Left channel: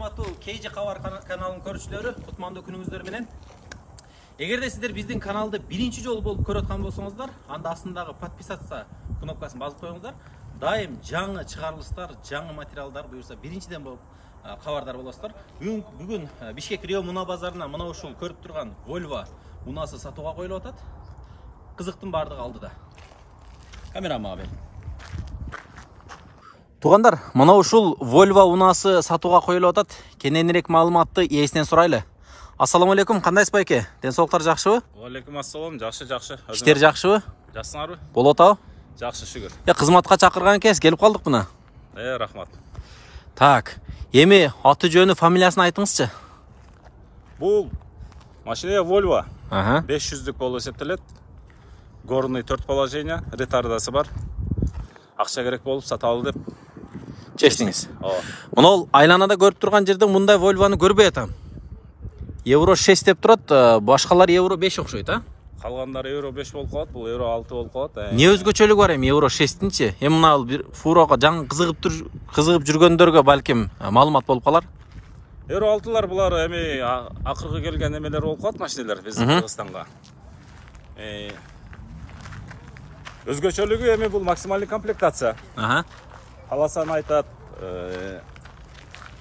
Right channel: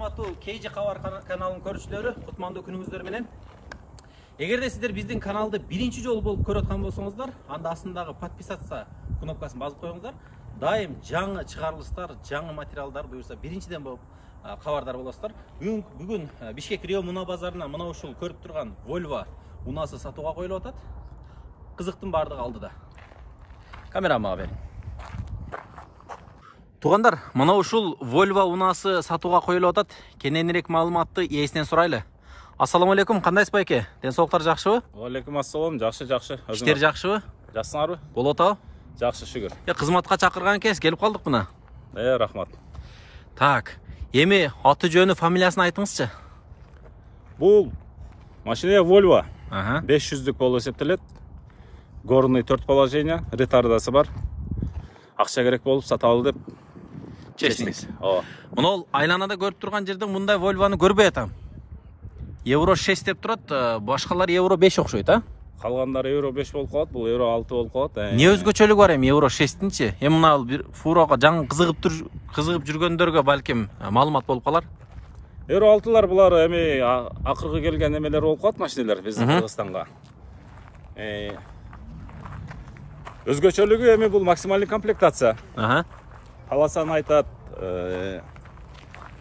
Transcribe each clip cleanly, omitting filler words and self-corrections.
урматтуу KG Кабар каналынын көрүүчүлөрү, кутмандуу күнүңүздөр менен. Эгерде сиздер биздин каналды биринчи жолу болуп көрүп аткан болсоңуздар, анда астындагы подписаться кнопкасын басып коюңуздар. Дайым жаңы чыгарылыштар, жаңы материалдар буюрса биринчиден болуп кабардар болосуздар. Бүгүн Бишкек Рио Муна базарына мына ушул көрүп турган Volvo унасы сатууга коюлуп атат. Кызыктын бардыгы алдыда. Камерама берин. Тугандар, мына ушул Volvo унасы сатууга коюлуп атат. Кененирээк маалыматты ээсинен сурайлы. Ассаламу алейкум, кандайсыз байке? Ден соолуктар жакшыбы? Алейкум ассалам, жакшы. Иштер жакшыбы? Жаксыңарбы? Болуп атабы? Жакшы, шүгүр. Кызматка чакырган экенсиз, келип калдык мына. Рахмат. Так, эми аты жөнү, фамилиясын айтыңызчы. Бул машина Volvo. 500 500-дүк болуп эсептелет. Горный 4 положение, ретардасы бар. Акча керек болуп саталы деп чечтиңиз. Мына ол айланада көрүп турган жерде мындай Volvo'ну көрбөй атам. Евро 6 деп турат, башкалар евро 5 окшойт, а? Калгандары евро 5 болуп калат, бул евро 6 болуп калат. Не өзгөчөлүгү бар эми евро 6-тинчи? Эми мына бир фурога жаңы кызыгып жүргөндөргө балким маалымат болуп калар. Евро 6-лар булар эми акыркы келген эмелер болуп калат, машиналар биздин Кыргызстанга. Өзгөчөлүгү эми бул максималдык комплектация. Каласан айтат,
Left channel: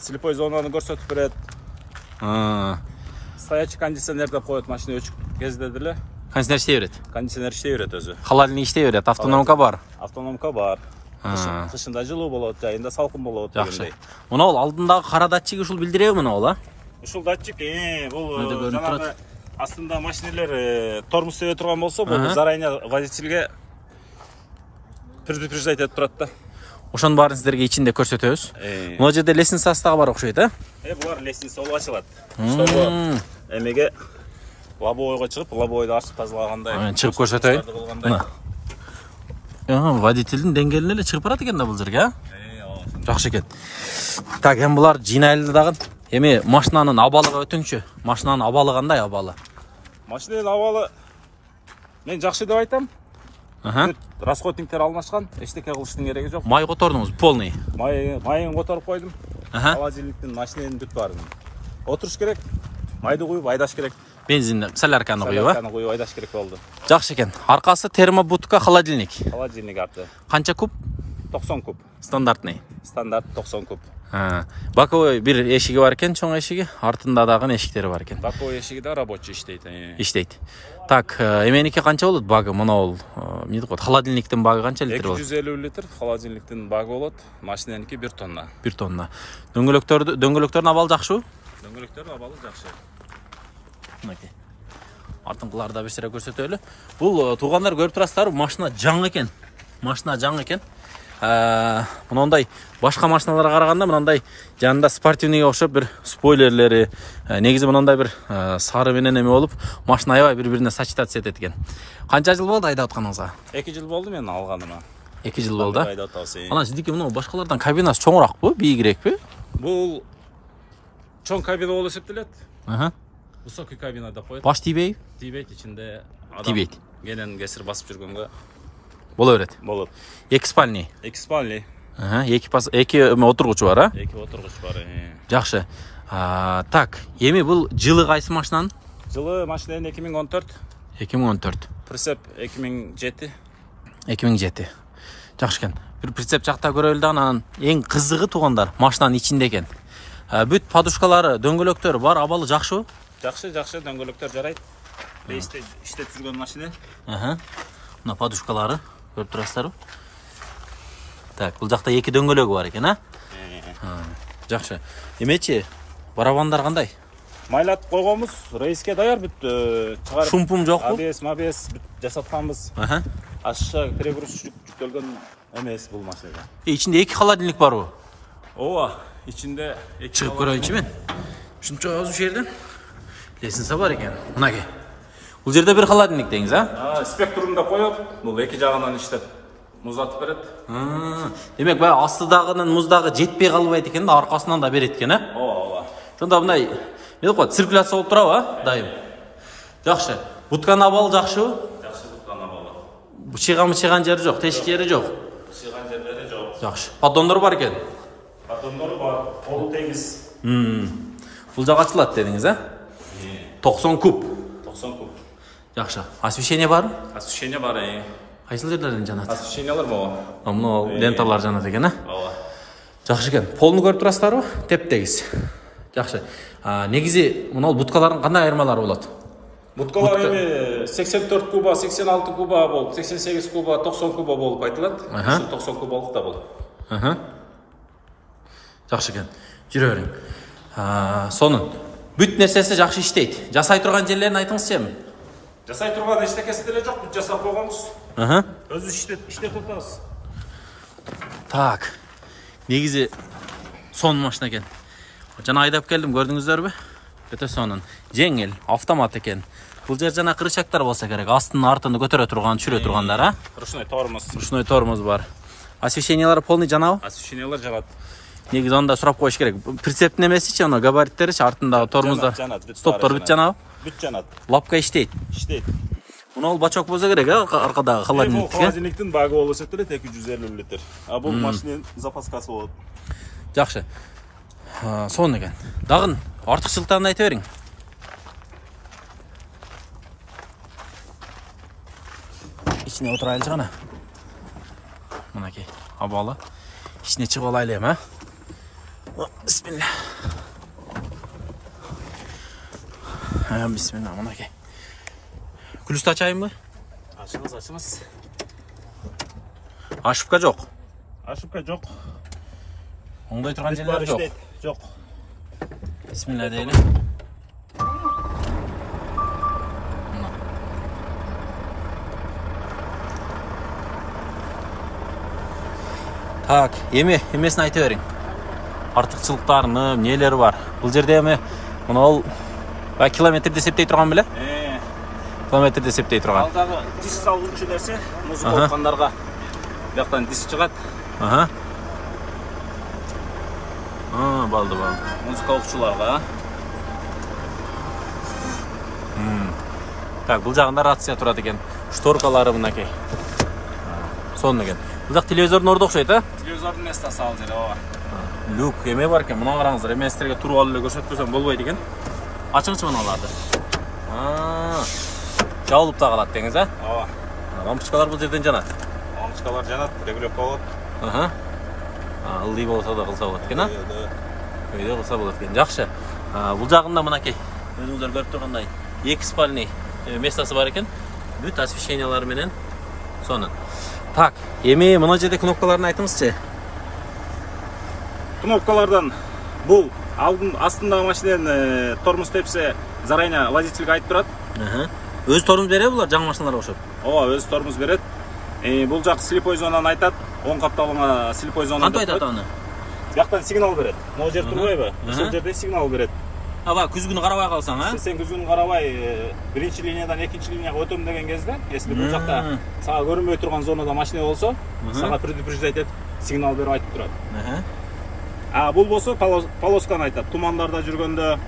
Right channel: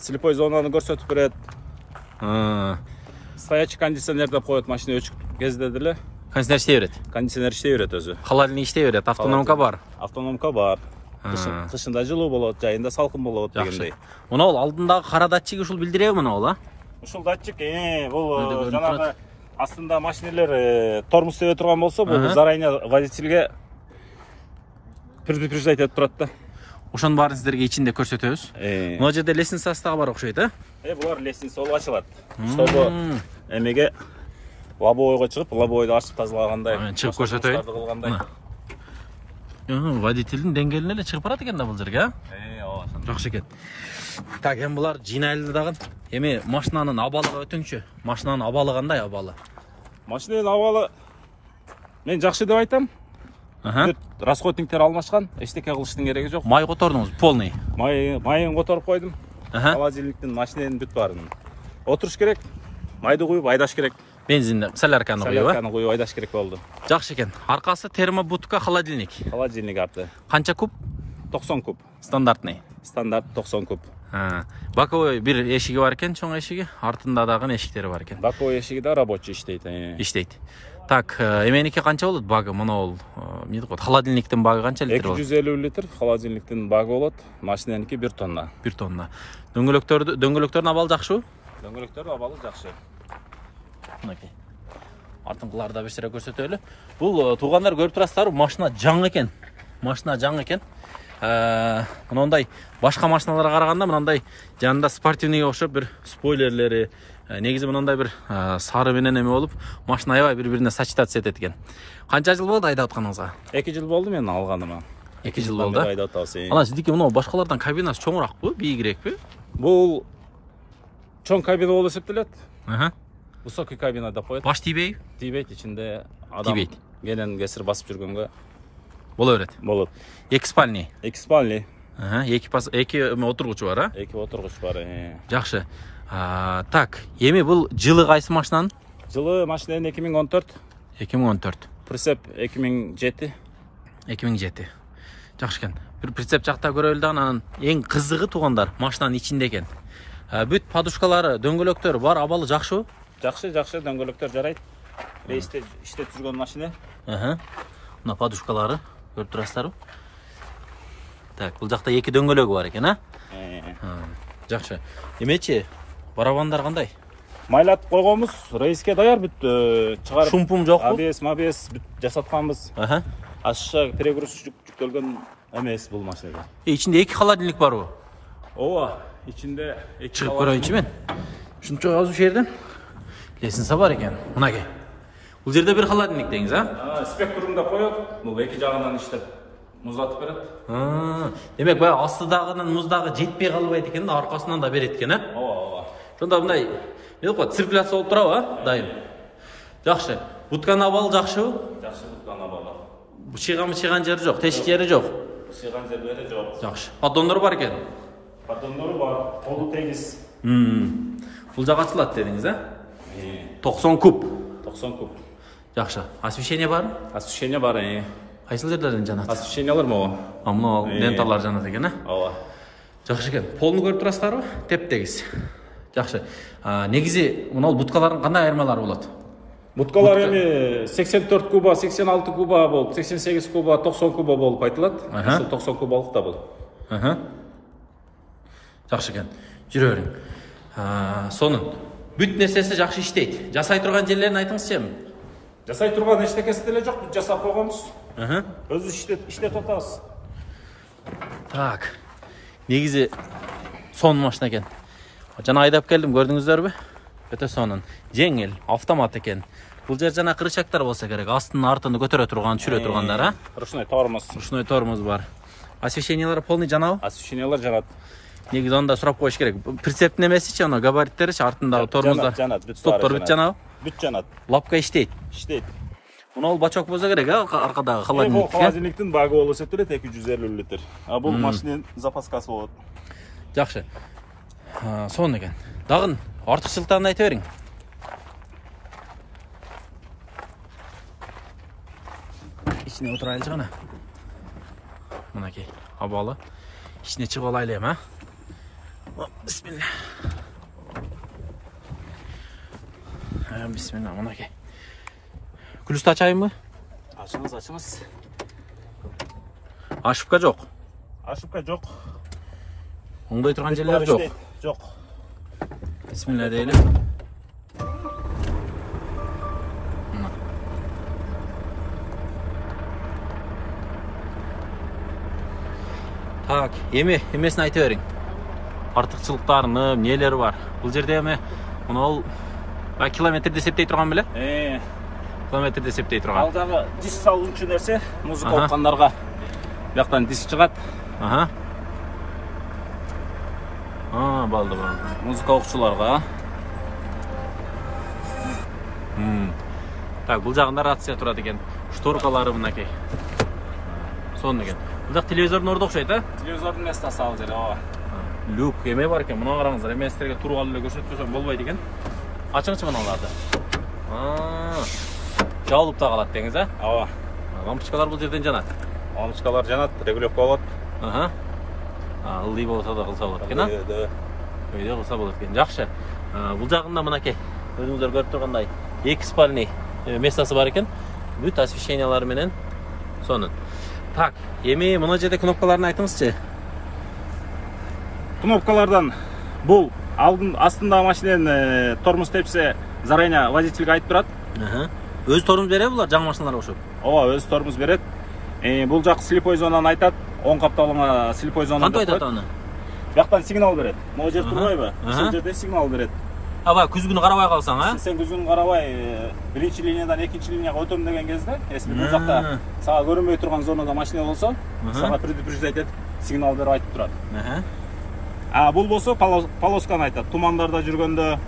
слепой зонаны көрсөтүп берет. Стоячий кондиционер деп коет, машина өчүк кезде деле. Кондиционер иштей берет. Кондиционер иштей берет өзү. Холодильник иштей берет, автономка бар. Автономка бар. Кышында жылуу болот, жайында салкын болот дегендей. Мына ол алдындагы кара датчик ушул билдиреби мына ол, а? Ушул датчик, бул жанагы астында машиналар тормоз сөйө турган болсо, бул заранее водительге предупреждать этип турат да. Ошонун баарын сиздерге ичинде көрсөтөбүз. Мына жерде лестницасы дагы бар окшойт, а? Булар лестница болуп ачылат. Чтобы эмеге лобовойго чыгып, лобовойду ачып тазалагандай. Чыгып көрсөтөйүн. Водительдин деңгээлине эле чыгып барат экен да бул жерге, а? Жакшы экен. Так, эми булар жыйнайлы дагы. Эми машинанын абалыга өтүңчү. Машинанын абалы кандай абалы? Машинанын абалы мен жакшы деп айтам. Расходниктер алмашкан, эчтеке кылыштын кереги жок. Май котордуңуз, полный. Майын которуп койдум. Холодильниктин, машинанын бүт баарын. Отуруш керек, майды куюп айдаш керек. Бензинди, солярканы куюп, а? Солярканы куюп айдаш керек болду. Жакшы экен. Аркасы термобудка, холодильник. Холодильник арты. Канча куб? 90 куб. Стандартный. Стандарт 90 куб. Боковой бир эшиги бар экен, чоң эшиги, артында дагы эшиктери бар экен. Боковой эшиги да рабочий иштейт. Иштейт. Так, эменики канча болот багы? Мына ол, эмне дейт, холодильниктин багы канча литр болот? 250 литр холодильниктин багы болот. Машинаныкы 1 тонна. 1 тонна. Дөңгөлөктөрдүн абалы жакшыбы? Дөңгөлөктөрдүн абалы жакшы. Мынакей. Артыңкыларды да бир сыра көрсөтөлү. Бул туугандар көрүп турасыздарбы? Машина жаңы экен. Машина жаңы экен. Мындай башка машиналарга караганда мындай жанында спортивныйга окшоп бир спойлерлери, негизи мындай бир сары менен эме болуп, машина аябай бири-бирине сочетаться этет экен. Канча жыл болду айдап атканыңызга? 2 жыл болду мен алганыма. 2 жыл болду. Анан сиздики мына башкалардан кабинасы чоңуракпы, бийигирекпи? Бул чоң кабина болуп эсептелет. Высокий кабина деп коет. Баш тийбейби? Тийбейт, ичинде адам кенен кесир басып жүргөнгө боло берет. Болот. 2 спальный. 2 спальный. 2 отургучу бар, а? 2 отургуч бар. Жакшы. Так, эми бул жылы кайсы машинанын? Жылы машинанын 2014. 2014. Прицеп 2007. 2007. Жакшы экен. Бир прицеп жакта көрөлү да, анан эң кызыгы туугандар машинанын ичинде экен. Бүт подушкалары, дөңгөлөктөрү бар, абалы жакшыбы? Жакшы, дөңгөлөктөр жарайт. Рейсте иштеп жүргөн машина. Мына подушкалары көрүп турасыздарбы? Так, бул жакта 2 дөңгөлөгү бар экен, а? Жакшы. Эмечи, барабандар кандай? Майлатып койгонбуз, рейске даяр бүт чыгарып. Шумпум жокпу? ABS бүт жасатканбыз. Ашша перегруз жүктөлгөн эмес бул машина. Ичинде 2 холодильник барбы? Ооба, ичинде 2 чыгып көрөйүнчү мен. Ушунча ошол жерден лестница бар экен. Мынакей. Бул жерде бир холодильник деңиз, а? Спектрум деп коет. Бул эки жагынан иштеп муздатып берет. Демек, баягы астыдагынын муздагы жетпей калбайт экен да, аркасынан да берет экен, а? Ооба. Ошондо мындай эмне деп коет, циркуляция болуп турабы, а? Дайым. Жакшы. Бутканын абалы жакшыбы? Жакшы, бутканын абалы. Бычыган жери жок, тешик жери жок. Бычыган жерлери жок. Жакшы. Поддондор бар экен. Поддондору бар. Колу тегиз. Бул жак ачылат дедиңиз, а? 90 куб. 90 куб. Жакшы. Освещение бар? Освещение бар. Кайсыл жерлерден жанат? Освещениелер могу. Мына ленталар жанат экен, а? Ооба. Жакшы экен. Полну көрүп турасыздарбы? Теп-тегиз. Жакшы. Негизи мына буткалардын кандай айырмалары болот? Буткалар эми 84 куба, 86 куба болуп, 88 куба, 90 куба болуп айтылат. Ушул 90 кубалык да болот. Жакшы экен. Жүрө бериң. Сонун бүт нерсеси жакшы иштейт. Жасай турган жерлерин айтыңызчы эми. Жасай турган эчтекеси деле жок, жасап койгонбуз. Өзү иштеп атабыз. Так. Негизи сонун машина экен. Жана айдап келдим, көрдүңүздөрбү? Өтө сонун. Жеңил, автомат экен. Бул жер жана кырычактар болсо керек. Астын артын көтөрө турган, түшүрө тургандар, а? Ручной тормоз. Ручной тормоз бар. Освещениялар полный жанабы? Освещениялар жанат. Негизи анда сурап коюш керек. Прицептин эмесичи, аны габариттеричи, артындагы тормоздар. Стоптор бүт жанабы? Бүт жанат. Лапка иштейт. Иштейт. Мына бул бачок болсо керек, аркадагы холодильник. Холодильниктин багы болсо керек 250 литр. Бул машинанын запаскасы болот. Жакшы. Сонун экен. Дагы артыкчылыктарын айта бериң. İçine oturaylıcı ana. Mınaki havalı. İçine çık olaylayım ha. Bismillah. Bismillah mınaki. Külüstü açayım mı? Açımız. Aşıpka yok. Aşıpka yok. Onda turgan yerler yok. Yok. Bismillah diyelim. Так, эмесин айта бериң. Артыкчылыктарыны, эмнелери бар? Бул жерде эми мына ол километрди эсептей турган беле? Километрди эсептей турган. Ал дагы диск салуучу нерсе, музыка окугандарга бияктан диск чыгат. Балды. Музыка окуучуларга. Так, бул жагында рация турат экен. Шторкалары мынакей. Сонун экен. Бул жак телевизордун орду окшойт, а? Телевизордун местасы ал жер, ооба. Люк эме бар экен. Мына караңыздар, эместерге туруп алып эле көрсөтпөсөм болбойт экен. Ачыңызчы мыналарды. Жабылып да калат деңиз, а? Ооба. Лампочкалар бул жерден жанат. Лампочкалар жанат, регулировка болот. Ылдый болсо да кылса болот экен, а? Өйдө кылса болот экен. Жакшы. Бул жагында мынакей. Өзүңүздөр көрүп тургандай, 2 спальный местасы бар экен. Бүт освещениялары менен сонун. Так, эми мына жерде кнопкаларын айтыңызчы. Кнопкалардан бул алдын астындагы машинанын тормоз тепсе, заранее водительге айтып турат. Өз тормоз береби булар жаңы машиналарга окшоп? Ооба, өз тормоз берет. Бул жак слепой зонаны айтат. Оң капталыңа слепой зона. Кантип айтат аны? Бияктан сигнал берет. Могу жер турбайбы? Ошол жерде сигнал берет. Күзгүнү карабай калсаң, а? Сен күзгүнү карабай, биринчи линиядан экинчи линияга өтөм деген кезде, если бул жакта сага көрүнбөй турган зонада машина болсо, сага предупреждать этет, сигнал берип айтып турат. Бул болсо полосканы айтат. Тумандарда жүргөндө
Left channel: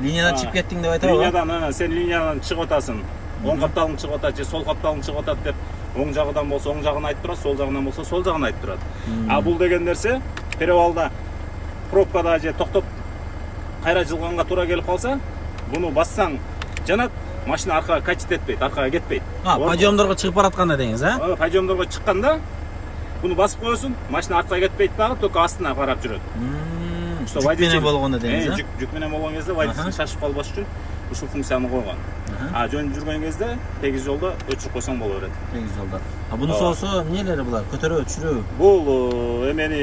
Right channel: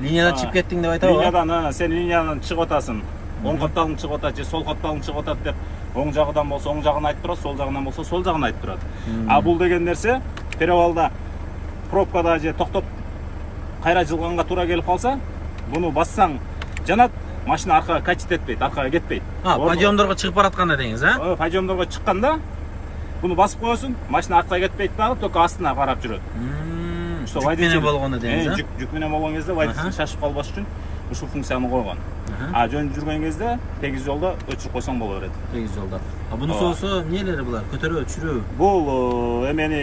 линиядан чыгып кеттиң деп айтабы? Линиядан, сен линиядан чыгып атасың. Оң капталың чыгып атат же сол капталың чыгып атат деп, оң жагынан болсо оң жагын айтып турат, сол жагынан болсо сол жагын айтып турат. Бул деген нерсе перевалда пробкада же токтоп кайра жылганга туура келип калса, буну бассаң жанат, машина аркага качет этпейт, аркага кетпейт. Подъемдорго чыгып баратканда деңиз, а? Подъемдорго чыкканда буну басып коесуң, машина аркага кетпейт дагы, только астына карап жүрөт. Жүк менен болгондо деңиз, а? Жүк менен болгон кезде водитель шашып калбаш үчүн ушул функцияны койгон. Жөн жүргөн кезде тегиз жолдо өчүрүп койсоң боло берет. Тегиз жолдо. Бунусу болсо эмнелери булар? Көтөрөбү, түшүрөбү? Бул эмени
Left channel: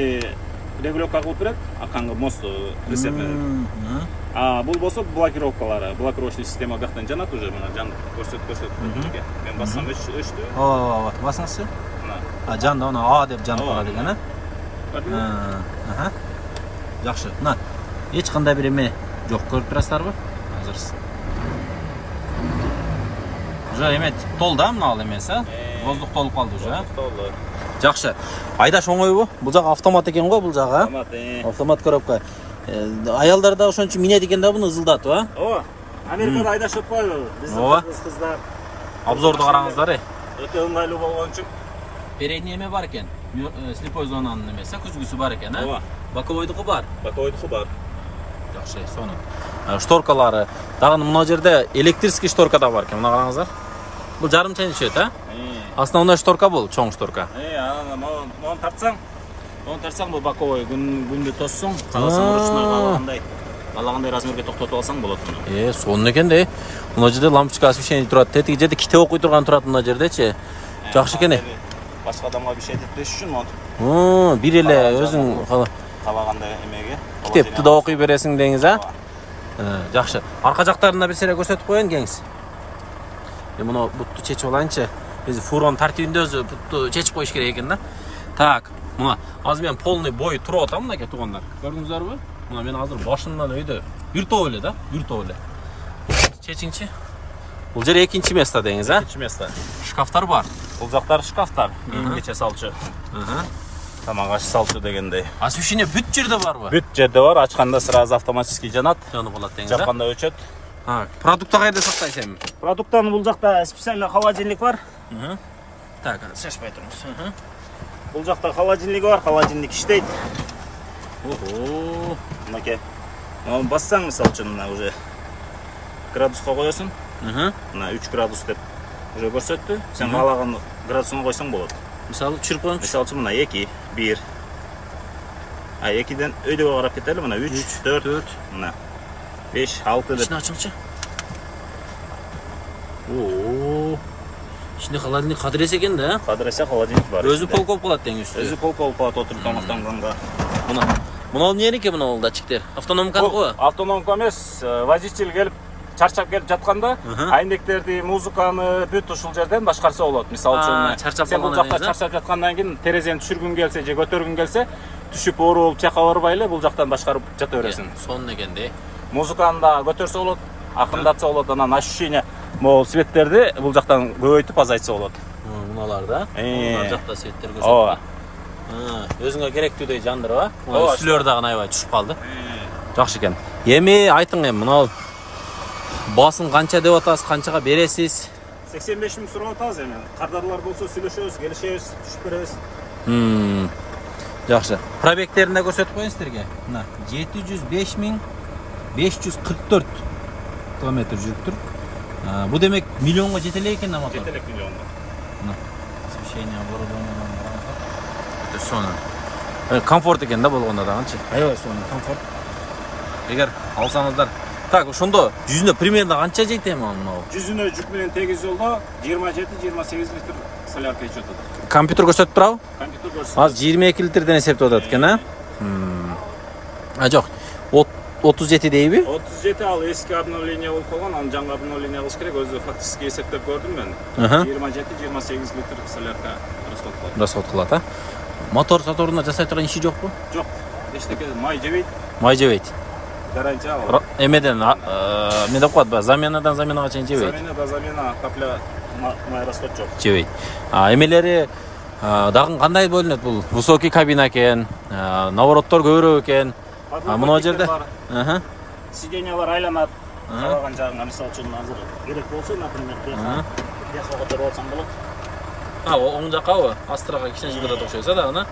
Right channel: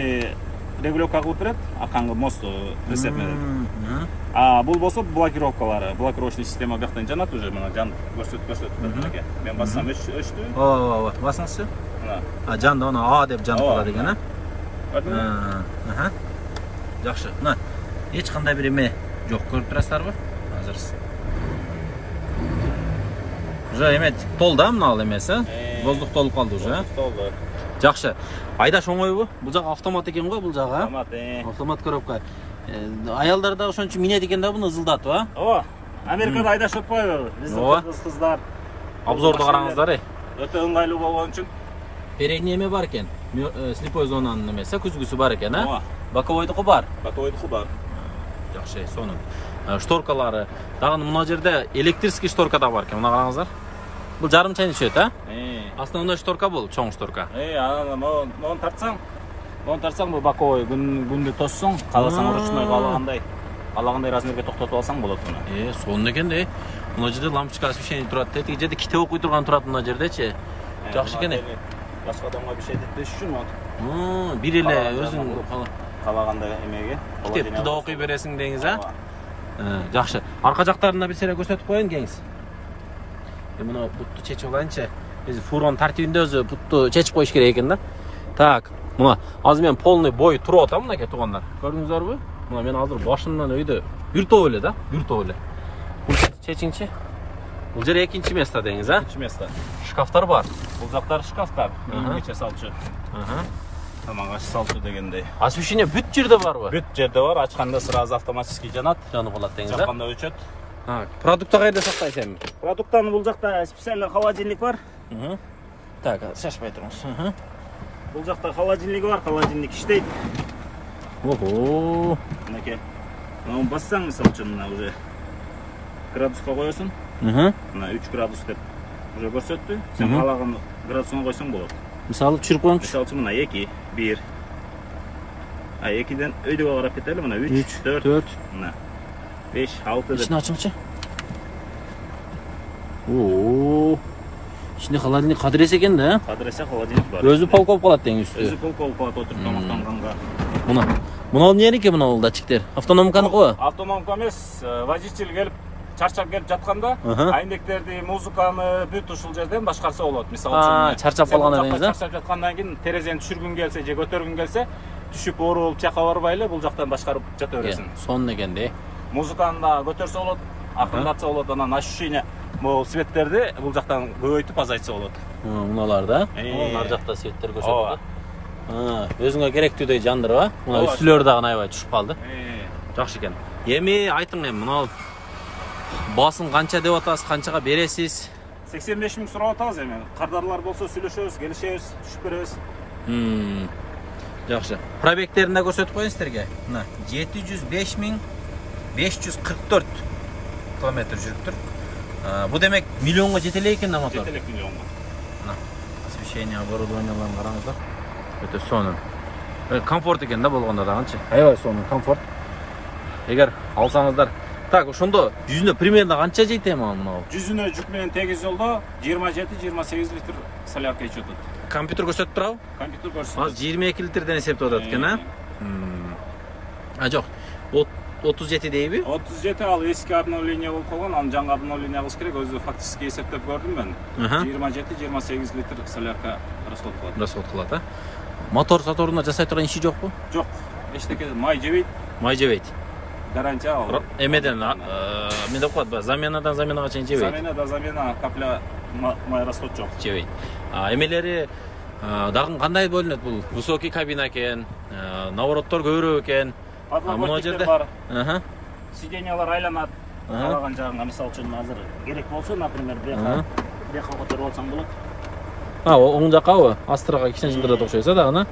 регулировка кылып берет, аркаңгы мосту эсептелет. Бул болсо блокировкалары, блокировочный система бияктан жанат уже, мына жан көрсөтүп. Мен бассам өчтү. Ооба, басыңызчы. Жанды аны А деп жанып калат экен, а? Жакшы. Мына эч кандай бир эме жок, көрүп турасыздарбы? Азыр. Уже эме толду, мына ал эмеси, а? Воздух толуп калды уже. Толду. Жакшы. Айдаш оңойбу? Бул жак автомат экен го, бул жагы, а? Автомат коробка. Аялдар да ошон үчүн минет экен да буну ызылдатып, а? Ооба. Америкада айдаш өтпөйбү? Ооба. Кыздар. Обзорду караңыздар, Өтө ыңгайлуу болгон үчүн. Передний эме бар экен. Слепой зонанын эмеси, күзгүсү бар экен, а? Ооба. Боковойдуку бар. Боковойдуку бар. Жакшы, сонун. Шторкалары. Дагы мына жерде электрический шторка да бар экен. Мына караңыздар. Бул жарымча нечет, а? Основной шторка бул, чоң шторка. Оны тартсаң бул боковой күндү тоссоң, каласаң ручной калагандай размерге токтотуп алсаң болот муну. Сонун экен да. Мына жерде лампочка освещение турат. Тетиги жерде китеп окуй турган турат мына жердечи. Жакшы экен. Башка адамга bir şey этпеш үчүн бир эле өзүң калагандай эмеге китепти да окуй бересиң деңиз, а? Жакшы. Арка жактарында бир сере көрсөтүп коеюн кеңиз. Мына бутту чечип алайынчы. Биз фургон тартибинде өзү бутту чечип коюш керек экен да. Так, мына азыр мен полный бой туруп атам мынакей туугандар. Көрдүңүздөрбү? Мына мен азыр башымдан өйдө бир топ эле да, бир топ эле. Чечиңчи. Бул жер экинчи место деңиз, а? Экинчи место. Шкафтар бар. Бул жактары шкафтар. Нече салчу. Тамак аш салчу дегендей. Освещение бүт жерде барбы? Бүт жерде бар. Ачканда сразу автоматически жанат. Жанып алат деңиз, а? Жакканда өчөт. Продукты кайда сактайсың? Продукттан бул жакта специально холодильник бар. Так, шашпай туруңуз. Бул жакта холодильник бар, холодильник иштейт. Ого. Мынакей. Аны бассаң мисалы үчүн мына уже градуска коесуң. Мына 3 градус деп уже көрсөттү. Сен каалаган градусуна койсоң болот. Мисалы түшүрүп коюңчу. Мисалы үчүн мына 2, 1. 2ден өйдөбө карап кетели. Мына 3, 4, мына 5, 6 деп. İçini açыңчы. Oo. İçinde холодильник кадырес экен да? Кадыресе холодильник бар. Өзү полка болуп калат деңиз үстү. Өзү полка болуп калат отуруп тамактанганга. Мына эмнеке мына датчиктер? Автономканыкы? Автономка эмес, водитель келип чарчап келип жатканда айнектерди, музыканы бүт ушул жерден башкарса болот. Мисалы үчүн чарчап калган эле чарчап жаткандан кийин терезени түшүргүң келсе же көтөргүң келсе, түшүп оору болуп чайкап барбай эле бул жактан башкарып жата бересиң. Сонун экен да. Музыканы да көтөрсө болот, акырындатса болот, анан ощущение могул светтерди бул жактан көбөйтүп азайтса болот. Мыналар да. Мына жакта светтер көрсөтөт. Өзүңө керектүүдөй жандырып, а? Үстүлөр дагы аябай түшүп калды. Жакшы экен. Эми айтың мына басын канча деп атасыз, канчага бересиз? 85 миң сурап атабыз эми. Кардарлар болсо сүйлөшөбүз, келишебиз, түшүп беребиз. Жакшы. Пробегтерин да көрсөтүп коеюн силерге. Мына 705.544 километр жүрүптүр. Бу демек миллионго жете элек экен да мотор. Жете элек миллионго. Мына освещение оборудованияларын караңыздар. Өтө сонун. Комфорт экен да болгондо дагычы. Аябай сонун комфорт. Эгер алсаңыздар. Так, ошондо жүзүнө примерно канча жейт эми мынау? Жүзүнө жүк менен тегиз жолдо 27-28 литр солярка ичип атат. Компьютер көрсөтүп турабы? Компьютер көрсөтөт. Азыр 22 литрден эсептеп атат экен, а? Жок. 37 дейби? 37 ал эски обновление болуп калган, аны жаңы обновление кылыш керек. Өзү фактически эсептеп көрдүм мен. 27-28 литр солярка расход кылат, а? Мотор саторуна жасай турган иши жокпу? Жок. Эчтеке май жебейт. Май жебейт. Гарантия ал. Эмеден мен деп коет, заменадан заменага чейин жебейт. Заменада замена капля май расход жок. Жебейт. Эмелери дагы кандай бөлүнөт бул? Высокий кабина экен, навороттор көбүрөөк экен. Мына жерде сиденьялар айланат. Калаган жагыңа мисалы үчүн азыр керек болсо, например, бияка көтөрүп алсаң болот. Оң жаккабы? Астырга кичине жылдырып окшойт дагы.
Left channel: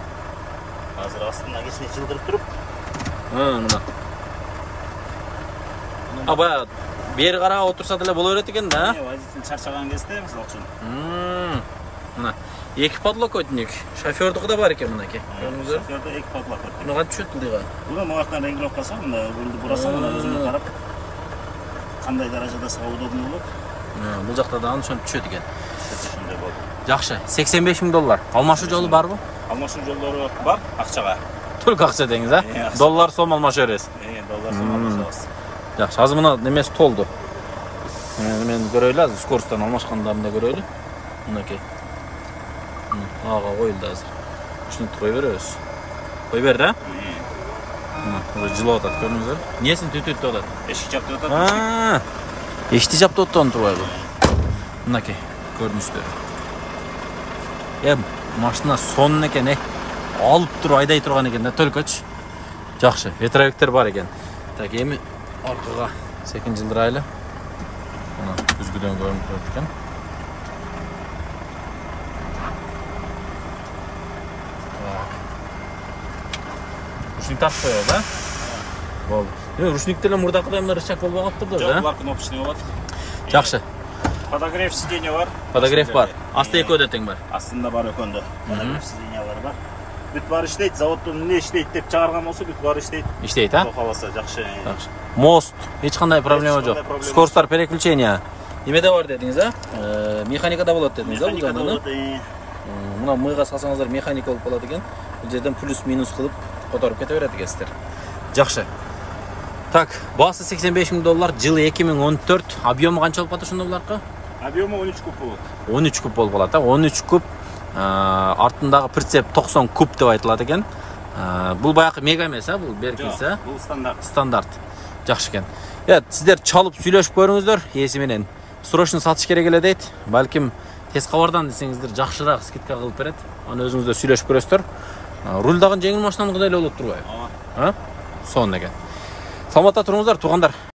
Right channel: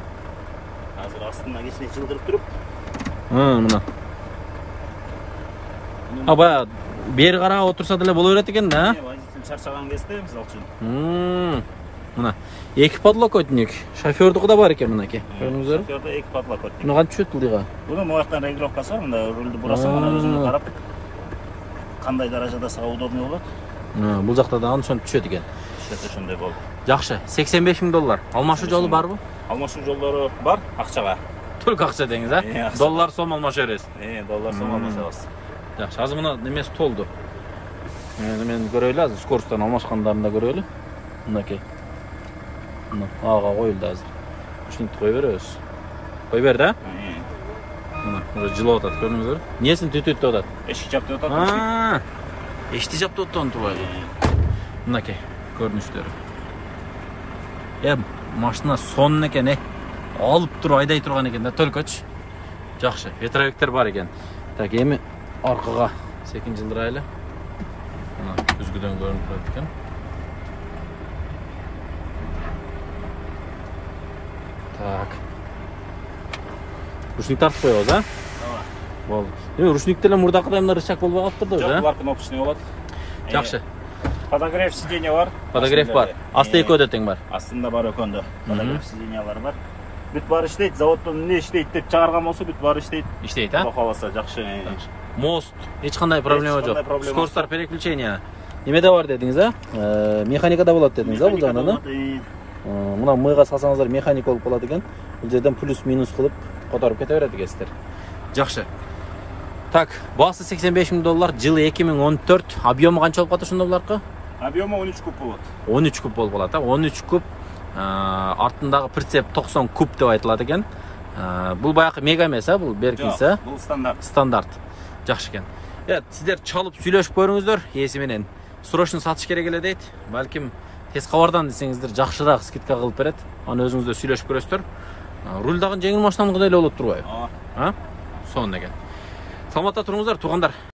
Азыр астына кичине жылдырып туруп. Мына. Баягы бери карап отурса деле боло берет экен да. Водитель чарчаган кезде мисалы үчүн. Мына эки подлокотник, шофёрдуку да бар экен мынакей. Көрдүңүздөр? Шофёрдө эки подлокотник. Мына кантип түшөт бул дыйга? Буну муяктан регулировкасы, мында рулду бурасаң, мына өзүңө карап кандай даражада сага удобный болот. Бул жакта дагы ошентип түшөт экен. Ошондой болот. Жакшы, $85 миң. Алмашуу жолу барбы? Алмашуу жолдору бар, акчага. Только акча деңиз, а? Доллар сом алмаша бересиз. Доллар сом алмашабыз. Жакшы, азыр мына немеси толду. Мен көрөйлү, азыр скоросттон алмашкандарын да көрөйлү. Мынакей. Мына ага коюлду азыр. Ушинтип кой беребиз. Кой бер да? Мына уже жылып атат, көрдүңүздөр? Несин түтүтүп атат? Эшик жаптып атат. Эшикти жаптып атат турбайбы? Мынакей, көрүнүштөр. Машина сонун экен, алып туруп айдай турган экен да, төлкөчү. Жакшы, ветровиктер бар экен. Так, эми аркага секин жылдырайлы. Мына үзгүдөн көрүнүп турат экен. Так. Ручник тартып коебуз, а? Болду. Ручниктер эле мурдакыдай мына рычаг болбой калыптыр да, Жок, бар кнопочный болот. Жакшы. Подогрев сиденье бар. Подогрев бар. Асты экөө да тең бар. Астында бар экөндө. Подогрев сиденьялары бар. Бүт бары иштейт, заводдон эмне иштейт деп чыгарган болсо бүт бары иштейт. Иштейт, а? Каласа жакшы. Мост, эч кандай проблема жок. проблема Скоростар переключения. Эмеде бар дедиңиз, а? Механикада болот дедиңиз, а, бул жагынан? Мына мыйга салсаңыздар механик болуп калат экен. Бул жерден плюс минус кылып которуп кете берет экенсиздер. Жакшы. Так, баасы $85,000, жылы 2014. Объему канча болуп калат ошондо буларкы? Объему 13 куб болот. 13 куб болуп калат, а? 13 куб. Артындагы прицеп 90 куб деп айтылат экен. Бул баягы мега эмес, а? Бул беркинсе, а? Бул стандарт. Стандарт. Жакшы экен. Сиздер чалып сүйлөшүп көрүңүздөр, ээси менен. Срочно сатыш керек эле дейт. Балким тез кабардан десеңиздер жакшыраак скидка кылып берет. Аны өзүңүздөр сүйлөшүп көрөсүздөр. Руль дагы жеңил машинаныкыдай эле болуп турбайбы? А? Сонун экен. Саламатта туруңуздар, туугандар.